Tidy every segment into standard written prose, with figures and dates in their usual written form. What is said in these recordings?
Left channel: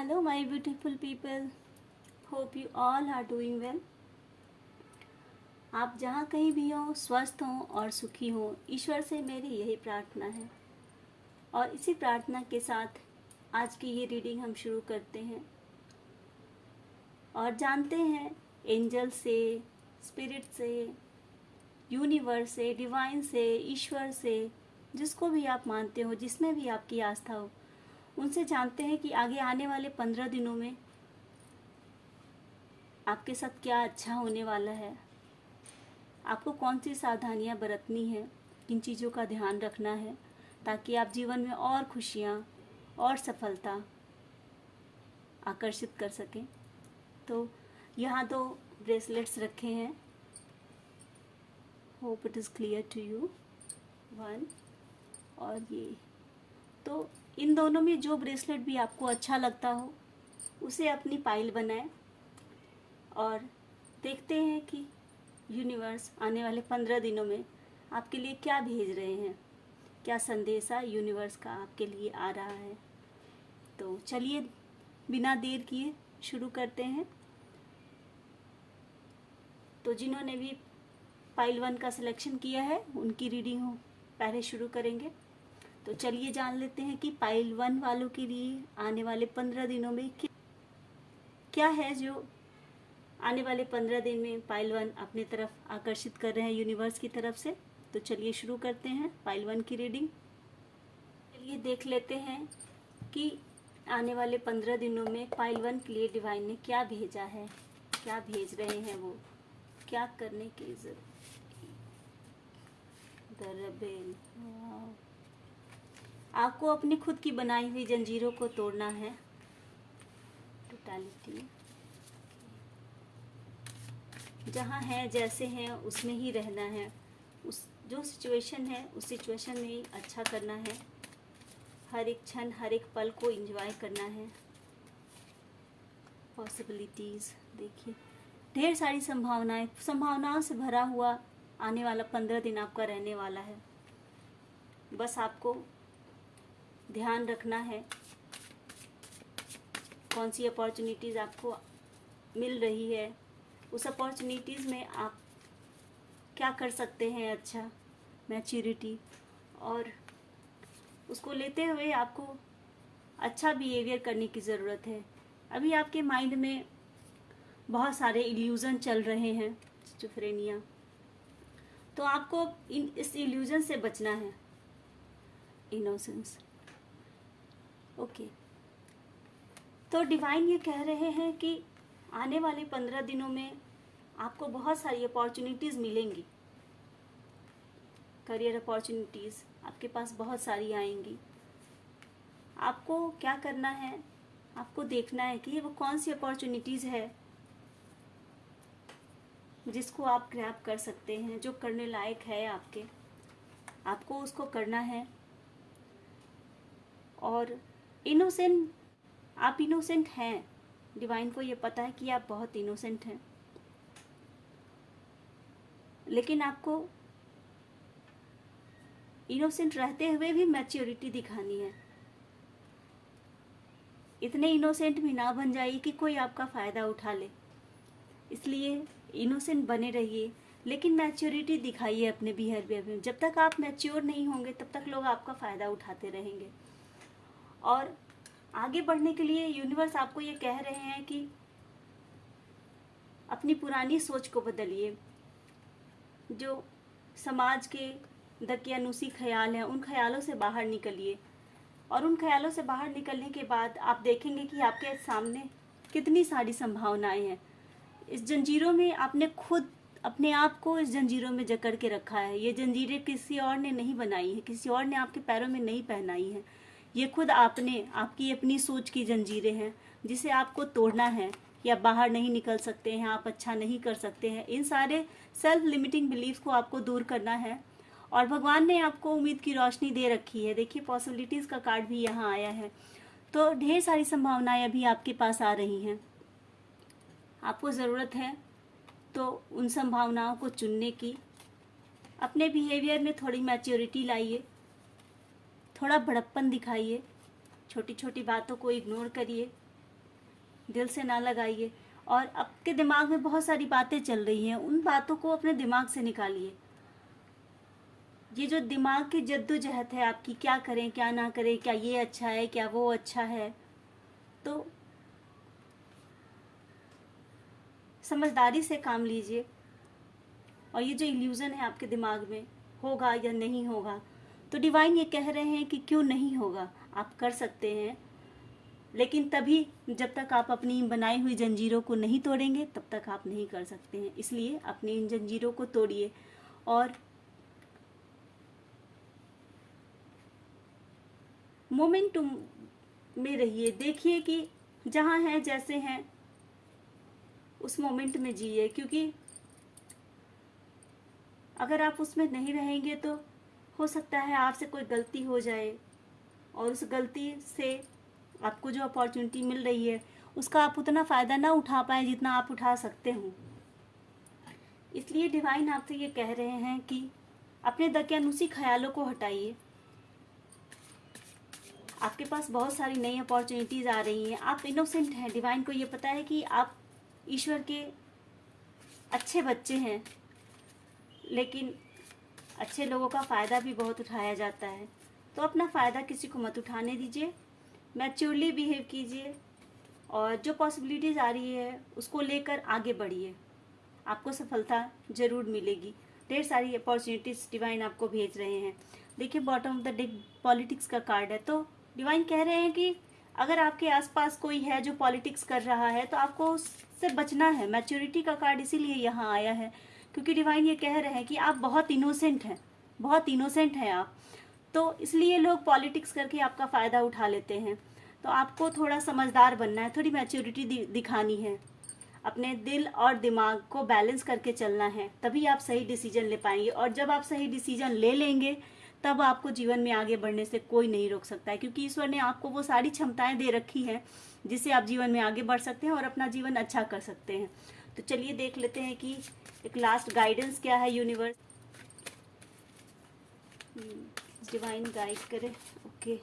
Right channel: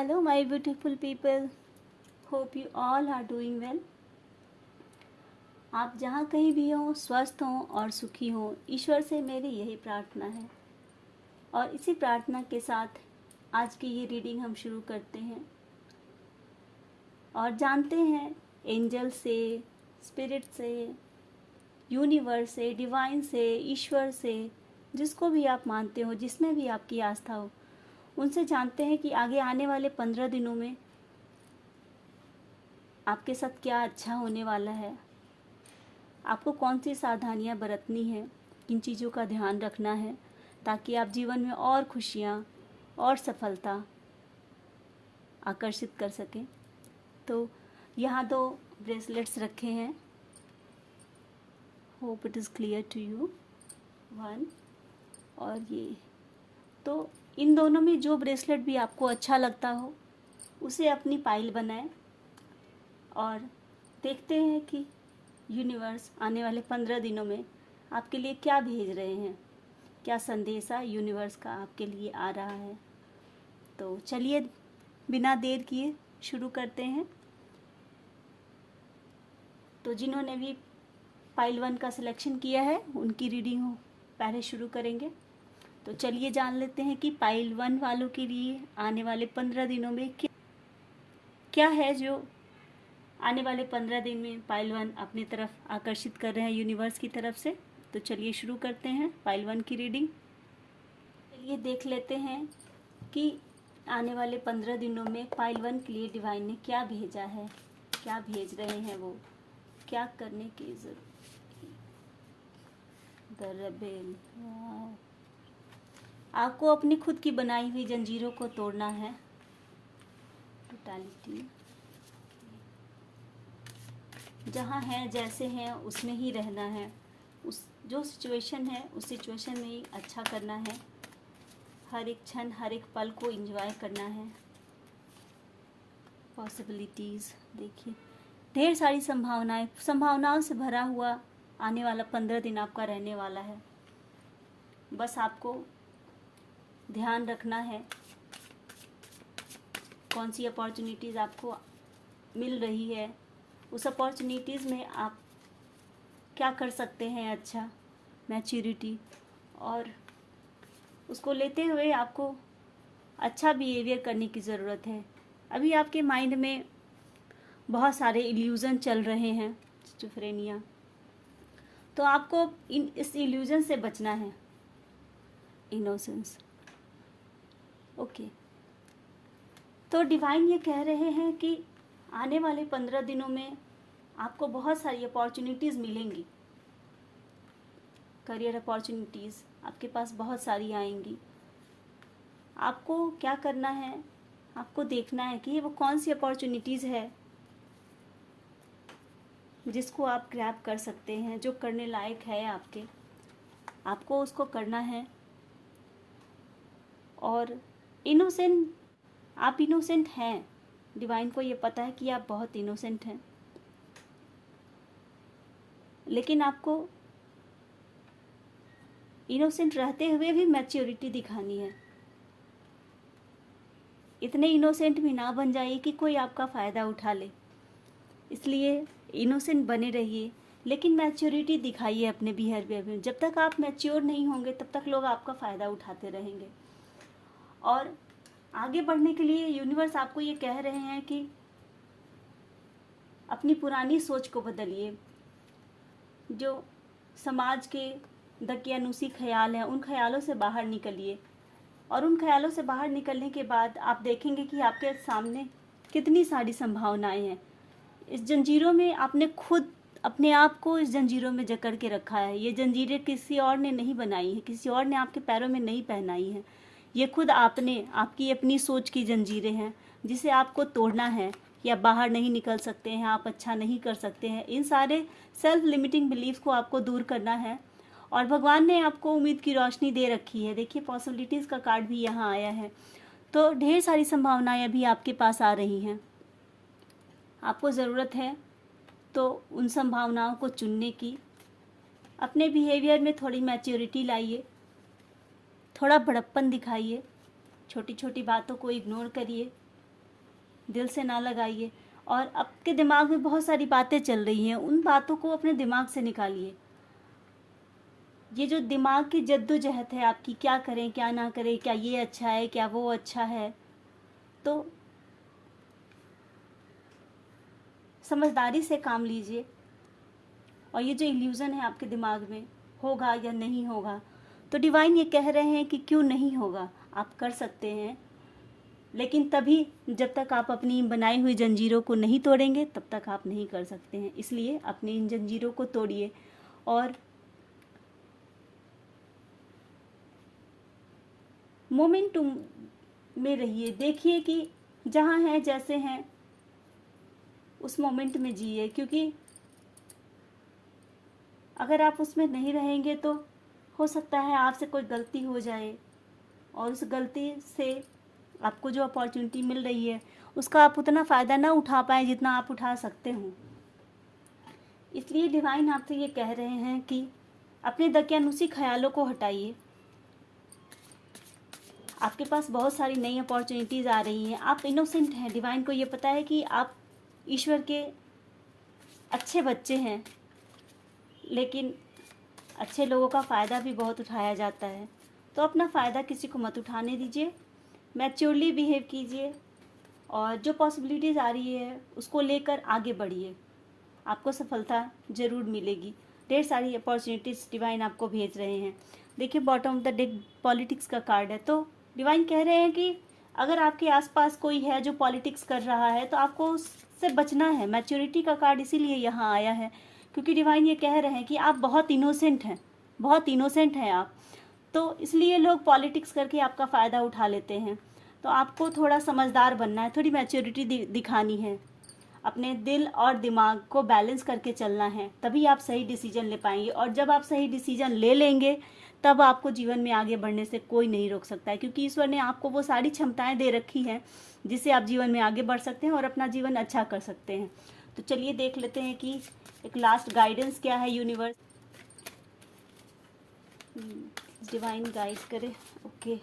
Hello, my beautiful people. Hope you all are doing well. आप जहाँ कहीं भी हो, स्वस्थ हो और सुखी हो, ईश्वर से मेरी यही प्रार्थना है। और इसी प्रार्थना के साथ आज की ये रीडिंग हम शुरू करते हैं और जानते हैं एंजल से, स्पिरिट से, यूनिवर्स से, डिवाइन से, ईश्वर से, जिसको भी आप मानते हो, जिसमें भी आपकी आस्था हो, उनसे जानते हैं कि आगे आने वाले 15 दिनों में आपके साथ क्या अच्छा होने वाला है, आपको कौन सी सावधानियां बरतनी है, किन चीज़ों का ध्यान रखना है ताकि आप जीवन में और खुशियां और सफलता आकर्षित कर सकें। तो यहाँ 2 ब्रेसलेट्स रखे हैं। Hope it is clear to you. 1 और ये। तो इन दोनों में जो ब्रेसलेट भी आपको अच्छा लगता हो उसे अपनी पाइल बनाएं और देखते हैं कि यूनिवर्स आने वाले 15 दिनों में आपके लिए क्या भेज रहे हैं, क्या संदेशा यूनिवर्स का आपके लिए आ रहा है। तो चलिए बिना देर किए शुरू करते हैं। तो जिन्होंने भी पाइल 1 का सिलेक्शन किया है उनकी रीडिंग पहले शुरू करेंगे। तो चलिए जान लेते हैं कि पाइल 1 वालों के लिए आने वाले 15 दिनों में क्या है जो आने वाले 15 दिन में पाइल 1 अपनी तरफ आकर्षित कर रहे हैं यूनिवर्स की तरफ से। तो चलिए शुरू करते हैं पाइल 1 की रीडिंग। चलिए देख लेते हैं कि आने वाले 15 दिनों में पाइल 1 के लिए डिवाइन ने क्या भेजा है, क्या भेज रहे हैं, वो क्या करने की जरूरत। The rebel. आपको अपनी खुद की बनाई हुई जंजीरों को तोड़ना है। टोटलिटी। जहाँ हैं जैसे हैं उसमें ही रहना है, उस जो सिचुएशन है उस सिचुएशन में ही अच्छा करना है। हर एक क्षण हर एक पल को एंजॉय करना है। पॉसिबिलिटीज़ देखिए, ढेर सारी संभावनाओं से भरा हुआ आने वाला 15 दिन आपका रहने वाला है। बस आपको ध्यान रखना है कौन सी अपॉर्चुनिटीज़ आपको मिल रही है, उस अपॉर्चुनिटीज़ में आप क्या कर सकते हैं अच्छा, मैच्योरिटी, और उसको लेते हुए आपको अच्छा बिहेवियर करने की ज़रूरत है। अभी आपके माइंड में बहुत सारे इल्यूज़न चल रहे हैं, स्किज़ोफ्रेनिया, तो आपको इस इल्यूज़न से बचना है। इनोसेंस। ओके। तो डिवाइन ये कह रहे हैं कि आने वाले 15 दिनों में आपको बहुत सारी अपॉर्चुनिटीज़ मिलेंगी। करियर अपॉर्चुनिटीज़ आपके पास बहुत सारी आएंगी। आपको क्या करना है, आपको देखना है कि वो कौन सी अपॉर्चुनिटीज़ है जिसको आप ग्रैब कर सकते हैं, जो करने लायक है आपको उसको करना है। और आप इनोसेंट हैं। डिवाइन को ये पता है कि आप बहुत इनोसेंट हैं, लेकिन आपको इनोसेंट रहते हुए भी मैच्योरिटी दिखानी है। इतने इनोसेंट भी ना बन जाइए कि कोई आपका फ़ायदा उठा ले। इसलिए इनोसेंट बने रहिए, लेकिन मैच्योरिटी दिखाइए अपने बिहेवियर में। जब तक आप मैच्योर नहीं होंगे तब तक लोग आपका फ़ायदा उठाते रहेंगे। और आगे बढ़ने के लिए यूनिवर्स आपको ये कह रहे हैं कि अपनी पुरानी सोच को बदलिए। जो समाज के दकियानूसी ख्याल हैं उन ख्यालों से बाहर निकलिए, और उन ख्यालों से बाहर निकलने के बाद आप देखेंगे कि आपके सामने कितनी सारी संभावनाएं हैं। इस जंजीरों में आपने खुद अपने आप को इस जंजीरों में जकड़ के रखा है। ये जंजीरें किसी और ने नहीं बनाई है, किसी और ने आपके पैरों में नहीं पहनाई है। ये खुद आपकी अपनी सोच की जंजीरें हैं जिसे आपको तोड़ना है। या बाहर नहीं निकल सकते हैं, आप अच्छा नहीं कर सकते हैं, इन सारे सेल्फ लिमिटिंग बिलीफ को आपको दूर करना है। और भगवान ने आपको उम्मीद की रोशनी दे रखी है। देखिए पॉसिबिलिटीज़ का कार्ड भी यहाँ आया है। तो ढेर सारी संभावनाएं अभी आपके पास आ रही हैं। आपको ज़रूरत है तो उन संभावनाओं को चुनने की। अपने बिहेवियर में थोड़ी मैच्योरिटी लाइए, थोड़ा बड़प्पन दिखाइए, छोटी छोटी बातों को इग्नोर करिए, दिल से ना लगाइए। और आपके दिमाग में बहुत सारी बातें चल रही हैं, उन बातों को अपने दिमाग से निकालिए। ये जो दिमाग की जद्दोजहद है आपकी, क्या करें क्या ना करें, क्या ये अच्छा है क्या वो अच्छा है, तो समझदारी से काम लीजिए। और ये जो इल्यूज़न है आपके दिमाग में, होगा या नहीं होगा, तो डिवाइन ये कह रहे हैं कि क्यों नहीं होगा, आप कर सकते हैं। लेकिन तभी, जब तक आप अपनी बनाई हुई जंजीरों को नहीं तोड़ेंगे तब तक आप नहीं कर सकते हैं। इसलिए अपनी इन जंजीरों को तोड़िए और मोमेंटम में रहिए। देखिए कि जहाँ हैं जैसे हैं उस मोमेंट में जिए, क्योंकि अगर आप उसमें नहीं रहेंगे तो हो सकता है आपसे कोई गलती हो जाए और उस गलती से आपको जो अपॉर्चुनिटी मिल रही है उसका आप उतना फ़ायदा ना उठा पाए जितना आप उठा सकते हो। इसलिए डिवाइन आपसे ये कह रहे हैं कि अपने दकियानुसी ख्यालों को हटाइए। आपके पास बहुत सारी नई अपॉर्चुनिटीज़ आ रही हैं। आप इनोसेंट हैं, डिवाइन को ये पता है कि आप ईश्वर के अच्छे बच्चे हैं, लेकिन अच्छे लोगों का फ़ायदा भी बहुत उठाया जाता है। तो अपना फ़ायदा किसी को मत उठाने दीजिए, मैच्योरली बिहेव कीजिए और जो पॉसिबिलिटीज़ आ रही है उसको लेकर आगे बढ़िए। आपको सफलता ज़रूर मिलेगी। ढेर सारी अपॉर्चुनिटीज़ डिवाइन आपको भेज रहे हैं। देखिए, bottom of the deck politics का कार्ड है, तो डिवाइन कह रहे हैं कि अगर आपके आसपास कोई है जो पॉलिटिक्स कर रहा है तो आपको उससे बचना है। मैच्योरिटी का कार्ड इसीलिए यहाँ आया है क्योंकि डिवाइन ये कह रहे हैं कि आप बहुत इनोसेंट हैं, बहुत इनोसेंट हैं आप, तो इसलिए लोग पॉलिटिक्स करके आपका फ़ायदा उठा लेते हैं। तो आपको थोड़ा समझदार बनना है, थोड़ी मैच्योरिटी दिखानी है, अपने दिल और दिमाग को बैलेंस करके चलना है, तभी आप सही डिसीजन ले पाएंगे। और जब आप सही डिसीजन ले लेंगे तब आपको जीवन में आगे बढ़ने से कोई नहीं रोक सकता है, क्योंकि ईश्वर ने आपको वो सारी क्षमताएं दे रखी हैं जिससे आप जीवन में आगे बढ़ सकते हैं और अपना जीवन अच्छा कर सकते हैं। तो चलिए देख लेते हैं कि एक लास्ट गाइडेंस क्या है यूनिवर्स, डिवाइन गाइड करे। ओके,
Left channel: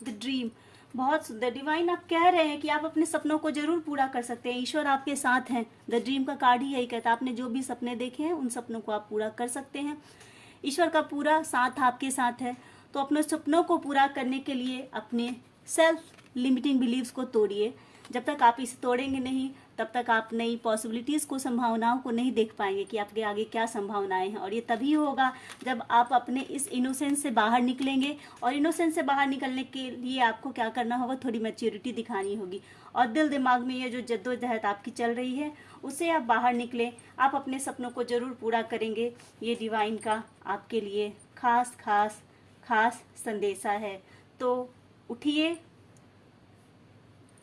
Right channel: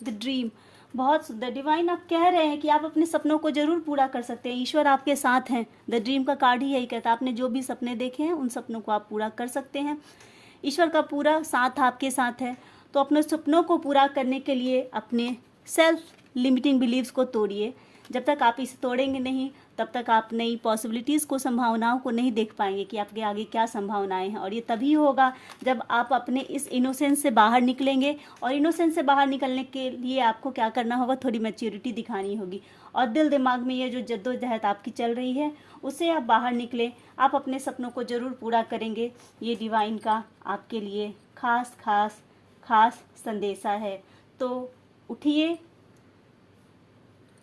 द ड्रीम, बहुत सुंदर। डिवाइन आप कह रहे हैं कि आप अपने सपनों को जरूर पूरा कर सकते हैं, ईश्वर आपके साथ हैं। द ड्रीम का कार्ड ही यही कहता है, आपने जो भी सपने देखे हैं उन सपनों को आप पूरा कर सकते हैं। ईश्वर का पूरा साथ आपके साथ है। तो अपने सपनों को पूरा करने के लिए अपने सेल्फ लिमिटिंग बिलीव्स को तोड़िए। जब तक आप इसे तोड़ेंगे नहीं तब तक आप नई पॉसिबिलिटीज़ को, संभावनाओं को नहीं देख पाएंगे कि आपके आगे क्या संभावनाएं हैं। और ये तभी होगा जब आप अपने इस इनोसेंस से बाहर निकलेंगे। और इनोसेंस से बाहर निकलने के लिए आपको क्या करना होगा, थोड़ी मैच्योरिटी दिखानी होगी और दिल दिमाग में ये जो जद्दोजहद आपकी चल रही है उससे आप बाहर निकलें। आप अपने सपनों को ज़रूर पूरा करेंगे। ये डिवाइन का आपके लिए खास खास खास संदेशा है। तो उठिए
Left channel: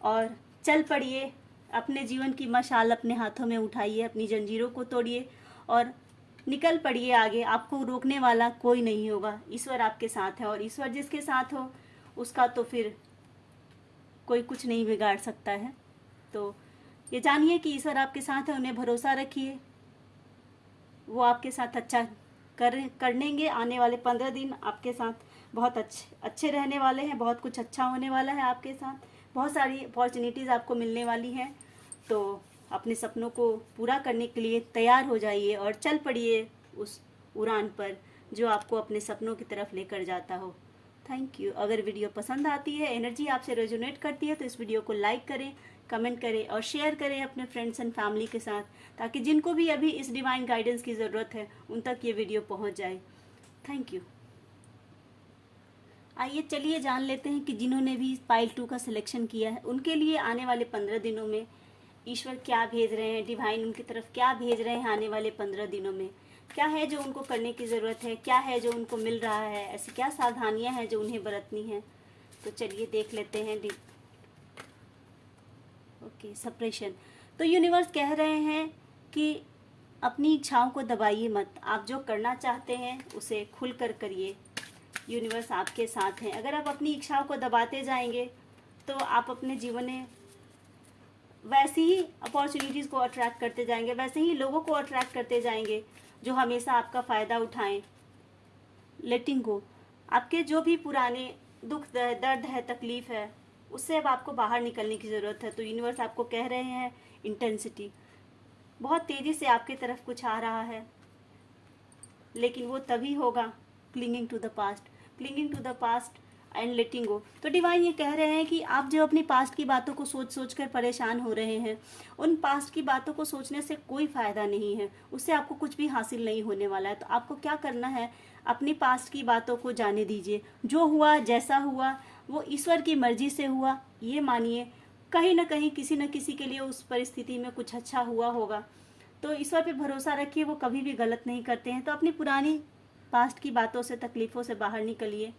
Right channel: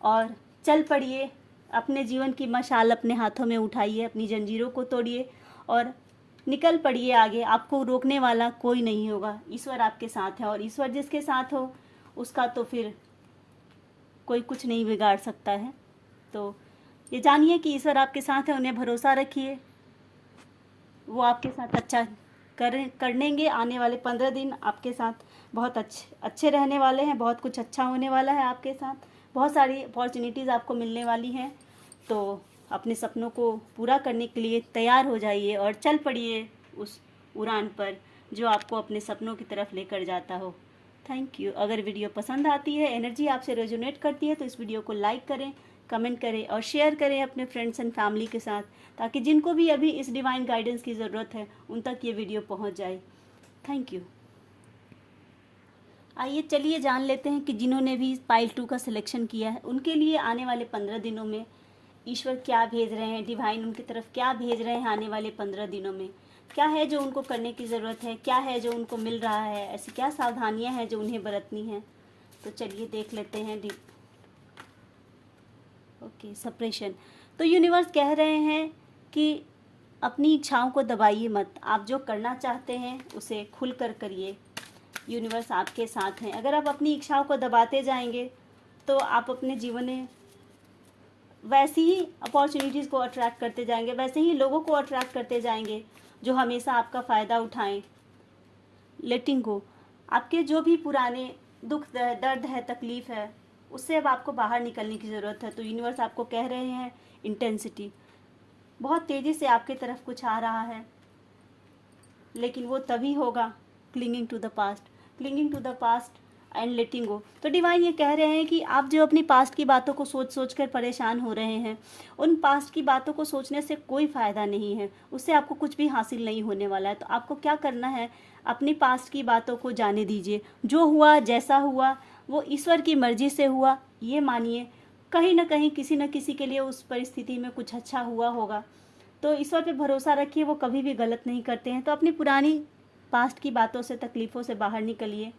और चल पड़िए, अपने जीवन की मशाल अपने हाथों में उठाइए, अपनी जंजीरों को तोड़िए और निकल पड़िए आगे। आपको रोकने वाला कोई नहीं होगा, ईश्वर आपके साथ है और ईश्वर जिसके साथ हो उसका तो फिर कोई कुछ नहीं बिगाड़ सकता है। तो ये जानिए कि ईश्वर आपके साथ है, उन्हें भरोसा रखिए, वो आपके साथ अच्छा करेंगे। आने वाले 15 दिन आपके साथ बहुत अच्छे रहने वाले हैं, बहुत कुछ अच्छा होने वाला है आपके साथ, बहुत सारी अपॉर्चुनिटीज़ आपको मिलने वाली हैं। तो अपने सपनों को पूरा करने के लिए तैयार हो जाइए और चल पड़िए उस उड़ान पर जो आपको अपने सपनों की तरफ लेकर जाता हो। Thank you. अगर वीडियो पसंद आती है, एनर्जी आपसे रेजोनेट करती है, तो इस वीडियो को लाइक करें, कमेंट करें और शेयर करें अपने फ्रेंड्स एंड फैमिली के साथ, ताकि जिनको भी अभी इस डिवाइन गाइडेंस की ज़रूरत है उन तक ये वीडियो पहुंच जाए। Thank you. आइए चलिए जान लेते हैं कि जिन्होंने भी पाइल 2 का सिलेक्शन किया है उनके लिए आने वाले 15 दिनों में ईश्वर क्या भेज रहे हैं, डिवाइन उनकी तरफ क्या भेज रहे हैं। आने वाले 15 दिनों में क्या है जो उनको करने की ज़रूरत है, क्या है जो उनको मिल रहा है, ऐसी क्या सावधानियां हैं जो उन्हें बरतनी हैं। तो चलिए देख लेते हैं। Okay, suppression. तो यूनिवर्स कह रहे हैं कि अपनी इच्छाओं को दबाइए मत, आप जो करना चाहते हैं उसे खुलकर करिए। यूनिवर्स आपके साथ हैं। अगर आप अपनी इच्छाओं को दबाते जाएंगे तो आप अपने जीवन में वैसी ही अपॉर्चुनिटीज़ को अट्रैक्ट करते जाएंगे, वैसे ही लोगों को अट्रैक्ट करते जाएंगे जो हमेशा आपका फ़ायदा उठाएं। लेटिंग गो, आपके जो भी पुराने दुख है, दर्द है, तकलीफ़ है, उससे अब आपको बाहर निकलने की ज़रूरत है। तो यूनिवर्स आपको कह रहे हैं इंटेंसिटी, बहुत तेज़ी से आपकी तरफ कुछ आ रहा है, लेकिन वो तभी होगा clinging to the past and letting go. तो डिवाइन ये कह रहे हैं कि आप जो अपनी पास्ट की बातों को सोच सोच कर परेशान हो रहे हैं, उन पास्ट की बातों को सोचने से कोई फ़ायदा नहीं है, उससे आपको कुछ भी हासिल नहीं होने वाला है। तो आपको क्या करना है, अपनी पास्ट की बातों को जाने दीजिए। जो हुआ, जैसा हुआ, वो ईश्वर की मर्जी से हुआ, ये मानिए। कहीं ना कहीं किसी न किसी के लिए उस परिस्थिति में कुछ अच्छा हुआ होगा। तो ईश्वर पे भरोसा रखिए, वो कभी भी गलत नहीं करते हैं। तो अपनी पुरानी पास्ट की बातों से, तकलीफ़ों से बाहर निकलिए,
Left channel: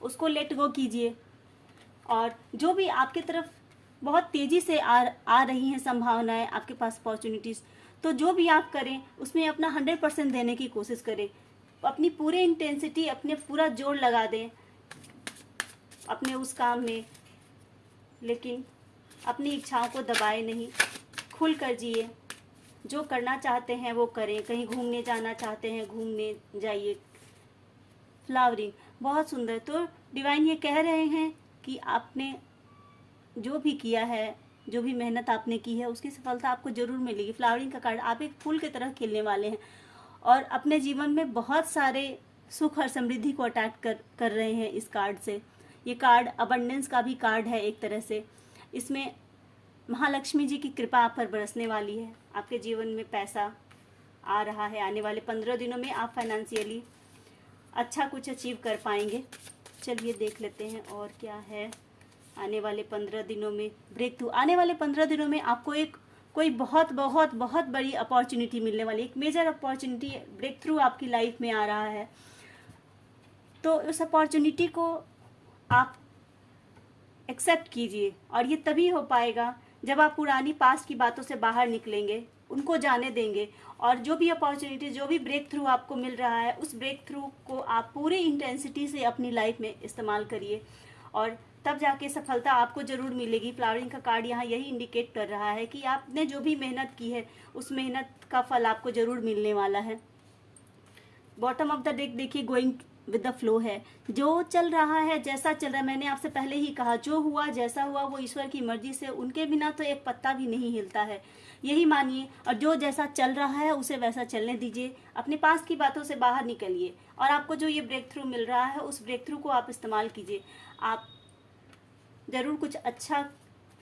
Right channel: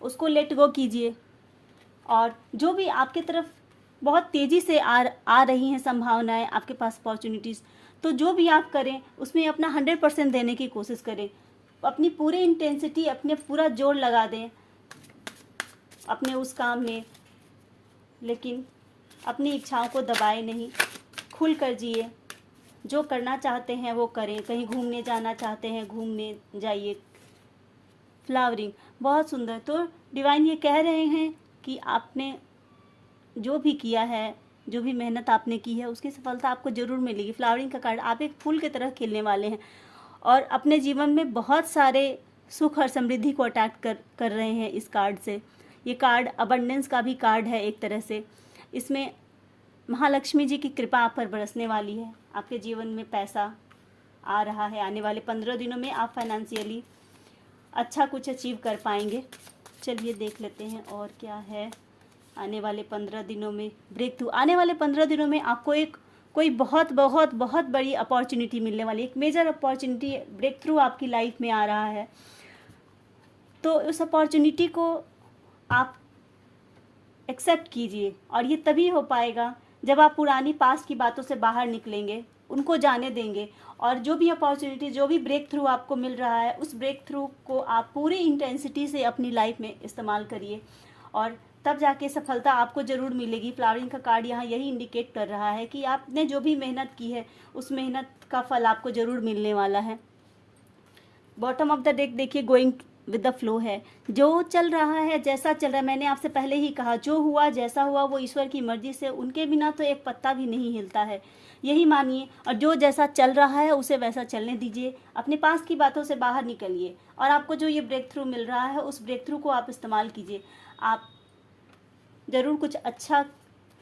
उसको लेट गो कीजिए। और जो भी आपके तरफ बहुत तेज़ी से आ रही हैं संभावनाएं, आपके पास अपॉर्चुनिटीज़, तो जो भी आप करें उसमें अपना 100% देने की कोशिश करें। अपनी पूरी इंटेंसिटी, अपने पूरा जोर लगा दें अपने उस काम में, लेकिन अपनी इच्छाओं को दबाए नहीं, खुल कर जिए। जो करना चाहते हैं वो करें। कहीं घूमने जाना चाहते हैं, घूमने जाइए। फ्लावरिंग बहुत सुंदर। तो डिवाइन ये कह रहे हैं कि आपने जो भी किया है, जो भी मेहनत आपने की है, उसकी सफलता आपको ज़रूर मिलेगी। फ्लावरिंग का कार्ड, आप एक फूल की तरह खिलने वाले हैं और अपने जीवन में बहुत सारे सुख और समृद्धि को अट्रैक्ट कर रहे हैं इस कार्ड से। ये कार्ड अबंडेंस का भी कार्ड है एक तरह से। इसमें महालक्ष्मी जी की कृपा आप पर बरसने वाली है। आपके जीवन में पैसा आ रहा है। आने वाले 15 दिनों में आप फाइनेंशियली अच्छा कुछ अचीव कर पाएंगे। चलिए देख लेते हैं और क्या है आने वाले 15 दिनों में। ब्रेक थ्रू, आने वाले 15 दिनों में आपको कोई बहुत बहुत बहुत बड़ी अपॉर्चुनिटी मिलने वाली है। एक मेजर अपॉर्चुनिटी, ब्रेक थ्रू आपकी लाइफ में आ रहा है। तो उस अपॉर्चुनिटी को आप एक्सेप्ट कीजिए, और ये तभी हो पाएगा जब आप पुरानी पास्ट की बातों से बाहर निकलेंगे, उनको जाने देंगे, और जो भी अपॉर्चुनिटी, जो भी ब्रेक थ्रू आपको मिल रहा है, उस ब्रेक थ्रू को आप पूरी इंटेंसिटी से अपनी लाइफ में इस्तेमाल करिए, और तब जाके सफलता आपको ज़रूर मिलेगी। फ्लावरिंग का कार्ड यहाँ यही इंडिकेट कर रहा है कि आपने जो भी मेहनत की है, उस मेहनत का फल आपको ज़रूर मिलने वाला है। बॉटम ऑफ द डेक देखिए, गोइंग विद द फ्लो है। जो चल रहा है, जैसा चल रहा है, मैंने आपसे पहले ही कहा, जो हुआ, जैसा हुआ, वो ईश्वर की मर्जी से, उनके बिना तो एक पत्ता भी नहीं हिलता है, यही मानिए। और जो जैसा चल रहा है उसे वैसा चलने दीजिए। अपने पास की बातों से बाहर निकलिए, और आपको जो ये ब्रेक थ्रू मिल रहा है, उस ब्रेक थ्रू को आप इस्तेमाल कीजिए। आप ज़रूर कुछ अच्छा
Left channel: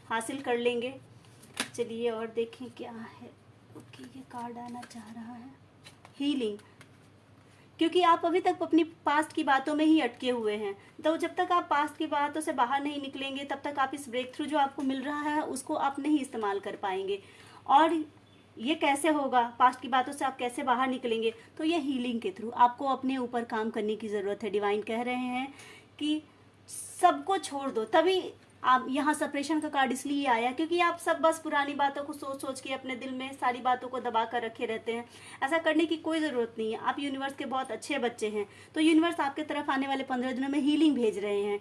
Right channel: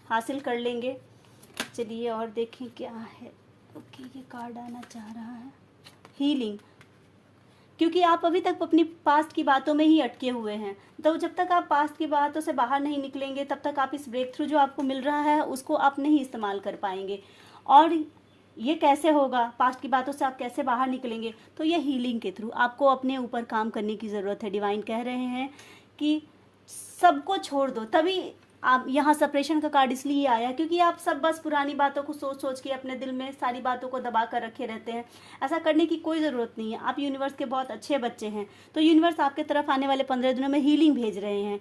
हासिल कर लेंगे। चलिए और देखें क्या है। ओके, ये कार्ड आना चाह रहा है हीलिंग, क्योंकि आप अभी तक अपनी पास्ट की बातों में ही अटके हुए हैं। तो जब तक आप पास्ट की बातों से बाहर नहीं निकलेंगे, तब तक आप इस ब्रेक थ्रू जो आपको मिल रहा है उसको आप नहीं इस्तेमाल कर पाएंगे। और ये कैसे होगा, पास्ट की बातों से आप कैसे बाहर निकलेंगे? तो ये हीलिंग के थ्रू। आपको अपने ऊपर काम करने की ज़रूरत है। डिवाइन कह रहे हैं कि सबको छोड़ दो। तभी आप यहाँ सेपरेशन का कार्ड इसलिए आया क्योंकि आप सब बस पुरानी बातों को सोच सोच के अपने दिल में सारी बातों को दबा कर रखे रहते हैं। ऐसा करने की कोई ज़रूरत नहीं है। आप यूनिवर्स के बहुत अच्छे बच्चे हैं। तो यूनिवर्स आपके तरफ आने वाले 15 दिनों में हीलिंग भेज रहे हैं।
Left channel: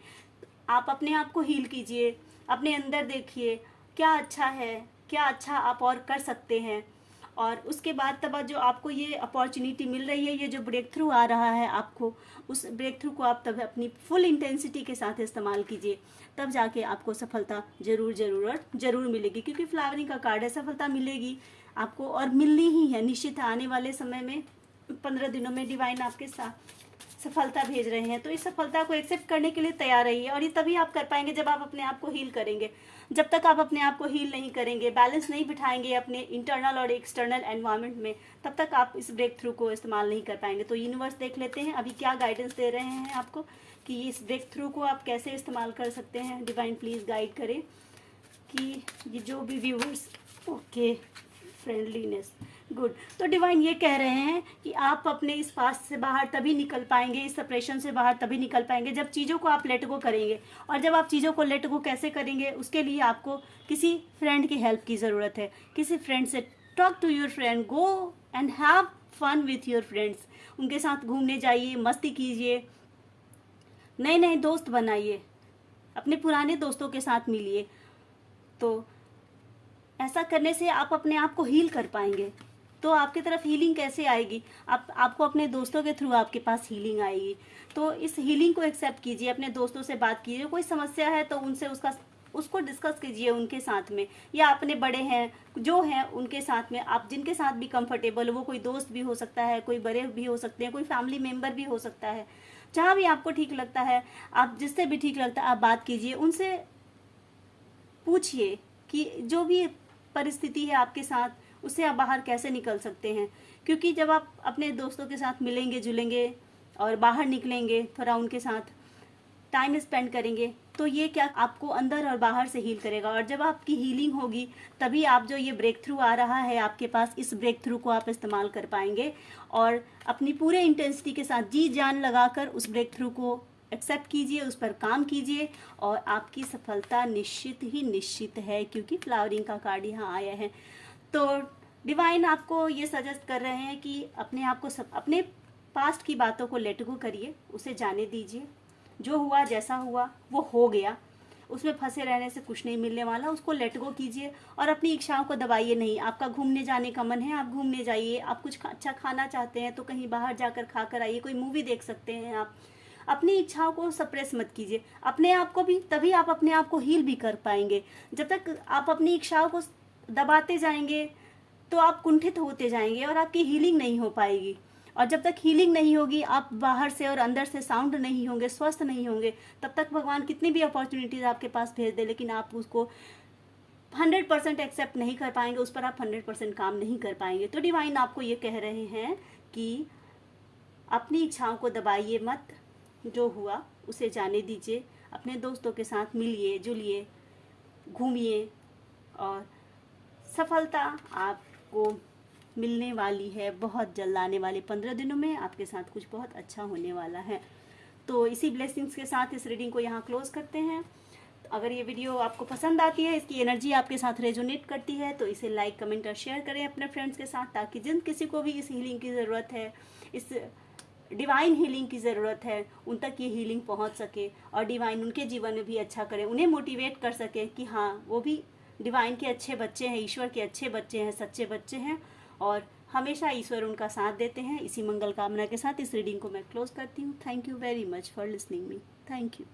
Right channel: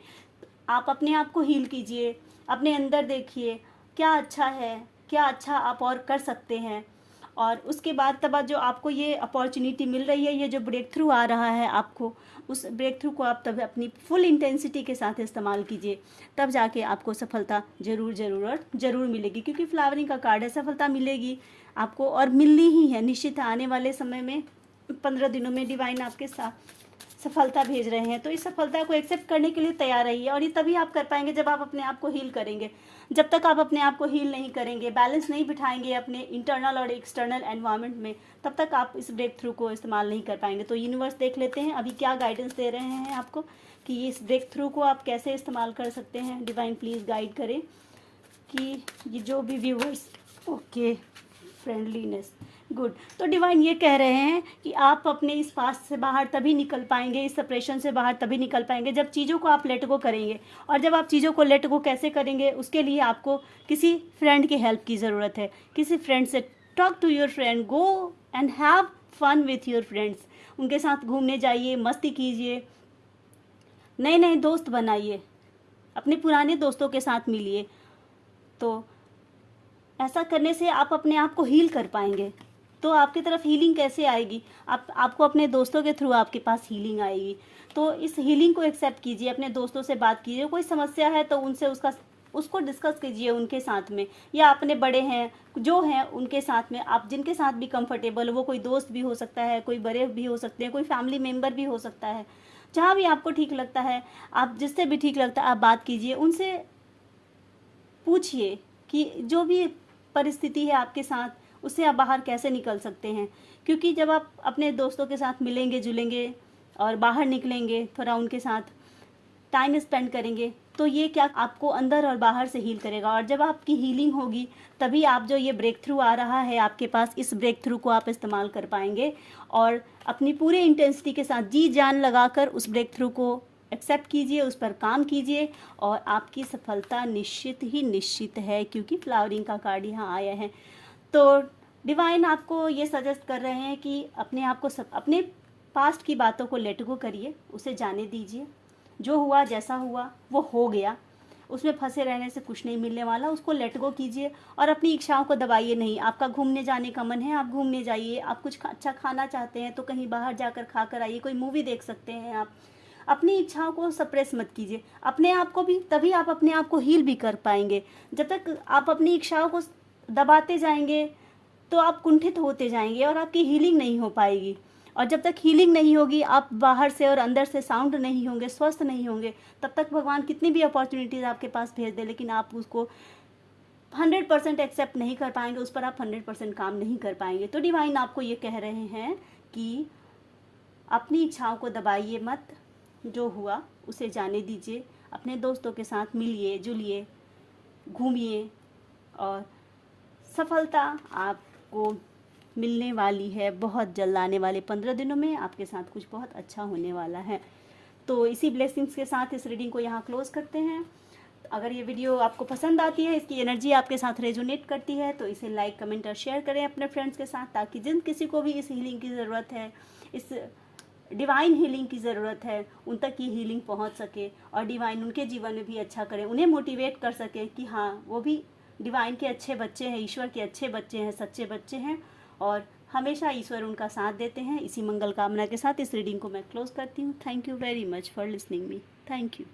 आप अपने आप को हील कीजिए, अपने अंदर देखिए क्या अच्छा है, क्या अच्छा आप और कर सकते हैं। और उसके बाद तब जो आपको ये अपॉर्चुनिटी मिल रही है, ये जो ब्रेक थ्रू आ रहा है आपको, उस ब्रेक थ्रू को आप तब अपनी फुल इंटेंसिटी के साथ इस्तेमाल कीजिए। तब जाके आपको सफलता ज़रूर मिलेगी, क्योंकि फ्लावरिंग का कार्ड है। सफलता मिलेगी आपको, और मिलनी ही है निश्चित। आने वाले समय में 15 दिनों में डिवाइन आपके साथ सफलता भेज रहे हैं। तो इस सफलता को एक्सेप्ट करने के लिए तैयार रहिए, और ये तभी आप कर पाएंगे जब आप अपने आप को हील करेंगे। जब तक आप अपने आप को हील नहीं करेंगे, बैलेंस नहीं बिठाएंगे अपने इंटरनल और एक्सटर्नल एनवायरनमेंट में, तब तक आप इस ब्रेक थ्रू को इस्तेमाल नहीं कर पाएंगे। तो यूनिवर्स देख लेते हैं अभी क्या गाइडेंस दे रहे हैं आपको कि इस ब्रेक थ्रू को आप कैसे इस्तेमाल कर सकते हैं। डिवाइन प्लीज़ गाइड करें कि ये जो भी व्यूवर्स, ओके, फ्रेंडलीनेस, गुड। तो डिवाइन ये कह रहे हैं कि आप अपने इस पास्ट से बाहर तभी निकल पाएंगे, इस सेपरेशन से बाहर तभी निकल पाएंगे जब चीज़ों को आप लेट गो करेंगे। और जब आप चीज़ों को लेट गो कैसे करेंगे, उसके लिए आपको किसी फ्रेंड की हेल्प की ज़रूरत है। किसी फ्रेंड से talk to your friend, go and have fun with your friends. उनके साथ घूमने जाइए, मस्ती कीजिए, नए नए दोस्त बनाइए, अपने पुराने दोस्तों के साथ मिलिए। तो ऐसा करने से आप अपने आप को हील कर पाएंगे। तो आपकी तरफ हीलिंग कैसे आएगी? आपको अपने दोस्तों के थ्रू आपके पास हीलिंग आएगी। तो इस हीलिंग को एक्सेप्ट कीजिए, अपने दोस्तों से बात कीजिए, कोई समस्या है तो उनसे उसको डिस्कस कीजिए उनके साथ में, या अपने बड़े हैं जो हैं उनके साथ में, आप जिनके साथ भी कंफर्टेबल हो, वो कोई दोस्त भी हो सकता है, कोई बड़े भी हो सकते हैं, कोई फैमिली मेम्बर भी हो सकता है, जहाँ भी आपको ठीक लगता है, आप जिससे भी ठीक लगता है आप बात कीजिए, उनसे पूछिए कि जो भी परिस्थिति है आपके साथ उससे आप बाहर कैसे निकल सकते हैं। क्योंकि जब आप अपने दोस्तों के साथ मिलेंगे जुलेंगे और बाहर निकलेंगे, थोड़ा उनके साथ टाइम स्पेंड करेंगे, तो ये क्या आपको अंदर और बाहर से हील करेगा। और जब आपकी हीलिंग होगी तभी आप जो ये ब्रेक थ्रू आ रहा है आपके पास, इस ब्रेक थ्रू को आप इस्तेमाल कर पाएंगे और अपनी पूरे इंटेंसिटी के साथ जी जान लगाकर उस ब्रेक थ्रू को एक्सेप्ट कीजिए, उस पर काम कीजिए और आपकी सफलता निश्चित ही निश्चित है, क्योंकि फ्लावरिंग का कार्ड यहाँ आया है। तो डिवाइन आपको ये सजेस्ट कर रहे हैं कि अपने आप को अपने पास्ट की बातों को लेट गो करिए, उसे जाने दीजिए, जो हुआ जैसा हुआ वो हो गया, उसमें फंसे रहने से कुछ नहीं मिलने वाला, उसको लेट गो कीजिए और अपनी इच्छाओं को दबाइए नहीं। आपका घूमने जाने का मन है, आप घूमने जाइए, आप कुछ अच्छा खाना चाहते हैं तो कहीं बाहर जाकर खा कर आइए, कोई मूवी देख सकते हैं आप। अपनी इच्छाओं को सप्रेस मत कीजिए, अपने आप को भी, तभी आप अपने आप को हील भी कर पाएंगे। जब तक आप अपनी इच्छाओं को दबाते जाएंगे तो आप कुंठित होते जाएंगे और आपकी हीलिंग नहीं हो पाएगी। और जब तक हीलिंग नहीं होगी, आप बाहर से और अंदर से साउंड नहीं होंगे, स्वस्थ नहीं होंगे, तब तक भगवान कितनी भी अपॉर्चुनिटीज आपके पास भेज दे, लेकिन आप उसको 100% एक्सेप्ट नहीं कर पाएंगे, उस पर आप 100% काम नहीं कर पाएंगे। तो डिवाइन आपको ये कह रहे हैं कि अपनी इच्छाओं को दबाइए मत, जो हुआ उसे जाने दीजिए, अपने दोस्तों के साथ मिलिए जुलिए, घूमिए और सफलता आपको मिलने वाली है बहुत जल्द। आने वाले 15 दिनों में आपके साथ कुछ बहुत अच्छा होने वाला है। तो इसी ब्लेसिंग्स के साथ इस रीडिंग को यहाँ क्लोज करते हैं। अगर ये वीडियो आपको पसंद आती है, इसकी एनर्जी आपके साथ रेजोनेट करती है, तो इसे लाइक कमेंट और शेयर करें अपने फ्रेंड्स के साथ, ताकि जिन किसी को भी इस हीलिंग की ज़रूरत है, इस डिवाइन हीलिंग की ज़रूरत है, उन तक ये हीलिंग पहुंच सके और डिवाइन उनके जीवन में भी अच्छा करे, उन्हें मोटिवेट कर सके कि हाँ वो भी डिवाइन के अच्छे बच्चे हैं, ईश्वर के अच्छे बच्चे हैं, सच्चे बच्चे हैं और हमेशा ईश्वर उनका साथ देते हैं। इसी मंगल कामना के साथ इस रीडिंग को मैं क्लोज करती हूँ। Thank you very much for listening me. Thank you.